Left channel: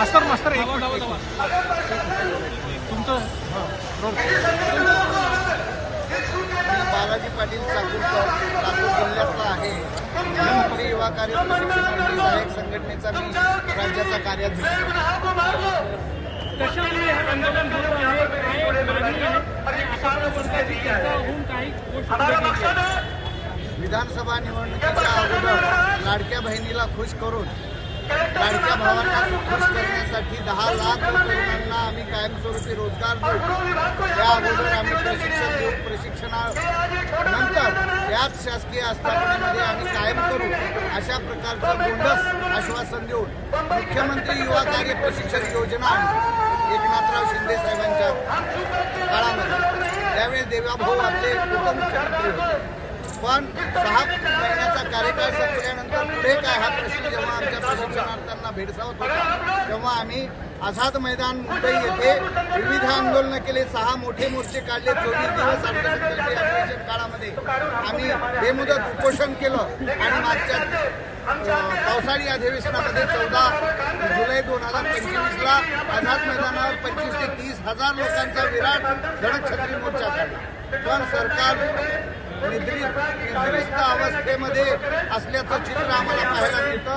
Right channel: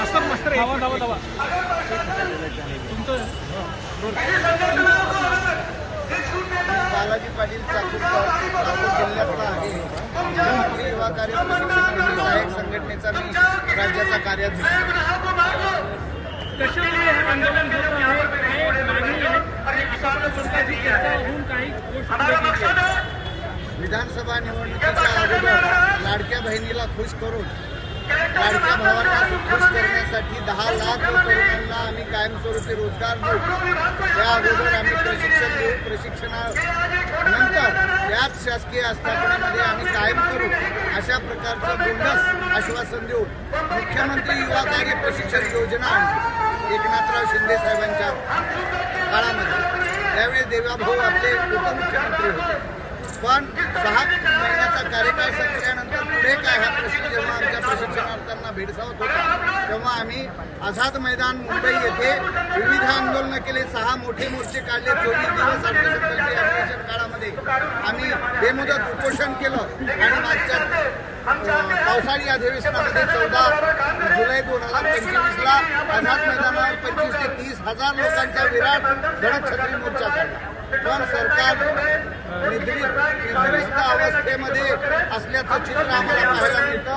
मास्तर एक तुमचं मी बालाजी पाटील चाकूरकर नागपूर जिल्ह्यातला आहे. मुख्यमंत्री युवा कार्य प्रशिक्षणार्थी सहाय्यक संघटनेचा मी राज्याचा कार्याध्यक्ष. कशामुळे हे आंदोलन होत आहे, काय मागणी आहे आणि आतापर्यंतची चर्चा होऊन काही गोष्ट पुढे गेली आहे. विधानसभा निवडणुकीच्या अगोदर लाडक्या बहिणीला खुश करून लाडक्या भावांना खुश करण्यासाठी 10 लाख तरुणांना आम्ही कायमस्वरूपी रोजगार देऊ. त्या अगोदर आम्ही प्रशिक्षण देऊ. प्रशिक्षणानंतर त्याच शासकीय आस्थापनेमध्ये आम्ही कायम करू अशा प्रकारचं बोंडस आश्वासन देऊन मुख्यमंत्री युवा कार्य प्रशिक्षण योजना आणली एकनाथराव शिंदे साहेबांच्या काळामध्ये. त्यावेळी देवाभाऊ आपले उपमुख्यमंत्री होते. पण 6 महिन्याचा कार्यकाळ संपल्यानंतर पुढे काय हा प्रश्न जेव्हा आमच्या प्रशिक्षणार्थ्यांना भेडसावत होता तेव्हा आम्ही आझाद मैदान मुंबई येथे विविध आंदोलनं केले. 6 मोठे मोर्चे काढले. 24 दिवस अर्थसंकल्पीय अधिवेशन काळामध्ये आम्ही बेमुदत उपोषण केलं आणि मागच्या पावसाळी अधिवेशनामध्ये 14 जुलै 2025ला आझाद मैदानावर 25 ते 30 हजार लोकांचा विराट धडक छत्री मोर्चा काढला. पण सरकार निद्रिस्त अवस्थेमध्ये असल्याचं चित्र आम्हाला पाहायला मिळतं.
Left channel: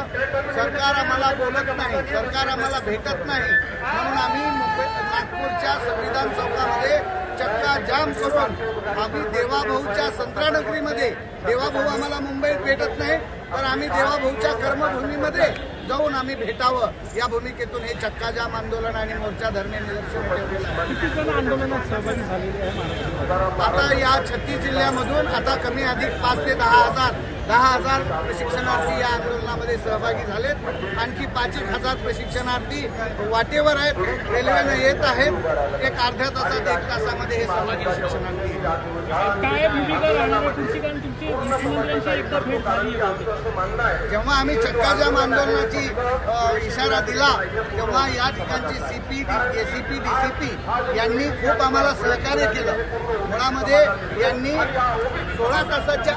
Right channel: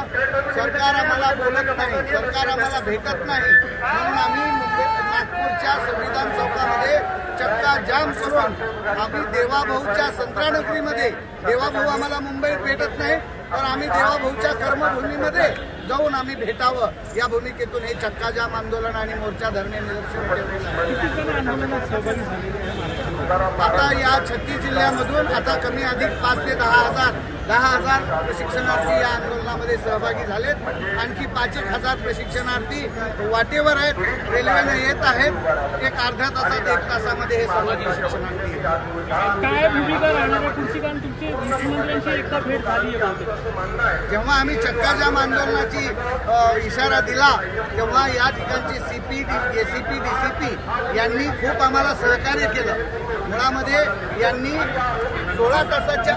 सरकार आम्हाला बोलत नाही, सरकार आम्हाला भेटत नाही. म्हणून आम्ही नागपूरच्या संविधान चौकामध्ये चक्का जाम करून आम्ही देवाभाऊच्या संत्रानगरीमध्ये, देवाभाऊ आम्हाला मुंबईत भेटत नाही तर आम्ही देवाभाऊच्या कर्मभूमीमध्ये जाऊन आम्ही भेटावं या भूमिकेतून हे चक्का जाम आंदोलन आणि मोर्चा धरणे निदर्शन ठेवलेलं आहे. किती जण आंदोलनात सहभागी झालेले आहे महाराष्ट्रामध्ये? आता या 36 जिल्ह्यामधून आता कमी अधिक 5 ते 10,000 प्रशिक्षणार्थी या आंदोलनामध्ये सहभागी झालेत. आणखी 5,000 प्रशिक्षणार्थी वाटेवर आहेत, रेल्वेनं येत आहेत. एक अर्ध्या तासात 1 तासामध्ये हे सर्व प्रशिक्षणार्थी येतात. काय भूमिका राहणार आहे तुमची? कारण तुमची मुख्यमंत्र्यांची एकदा भेट झाली आहे. जेव्हा आम्ही चक्का जाम आंदोलनाची इशारा दिला तेव्हा या ठिकाणची CP, ACP, DCP यांनी खूप आम्हाला सहकार्य केलं. मुळामध्ये यांनी 16 तासाच्या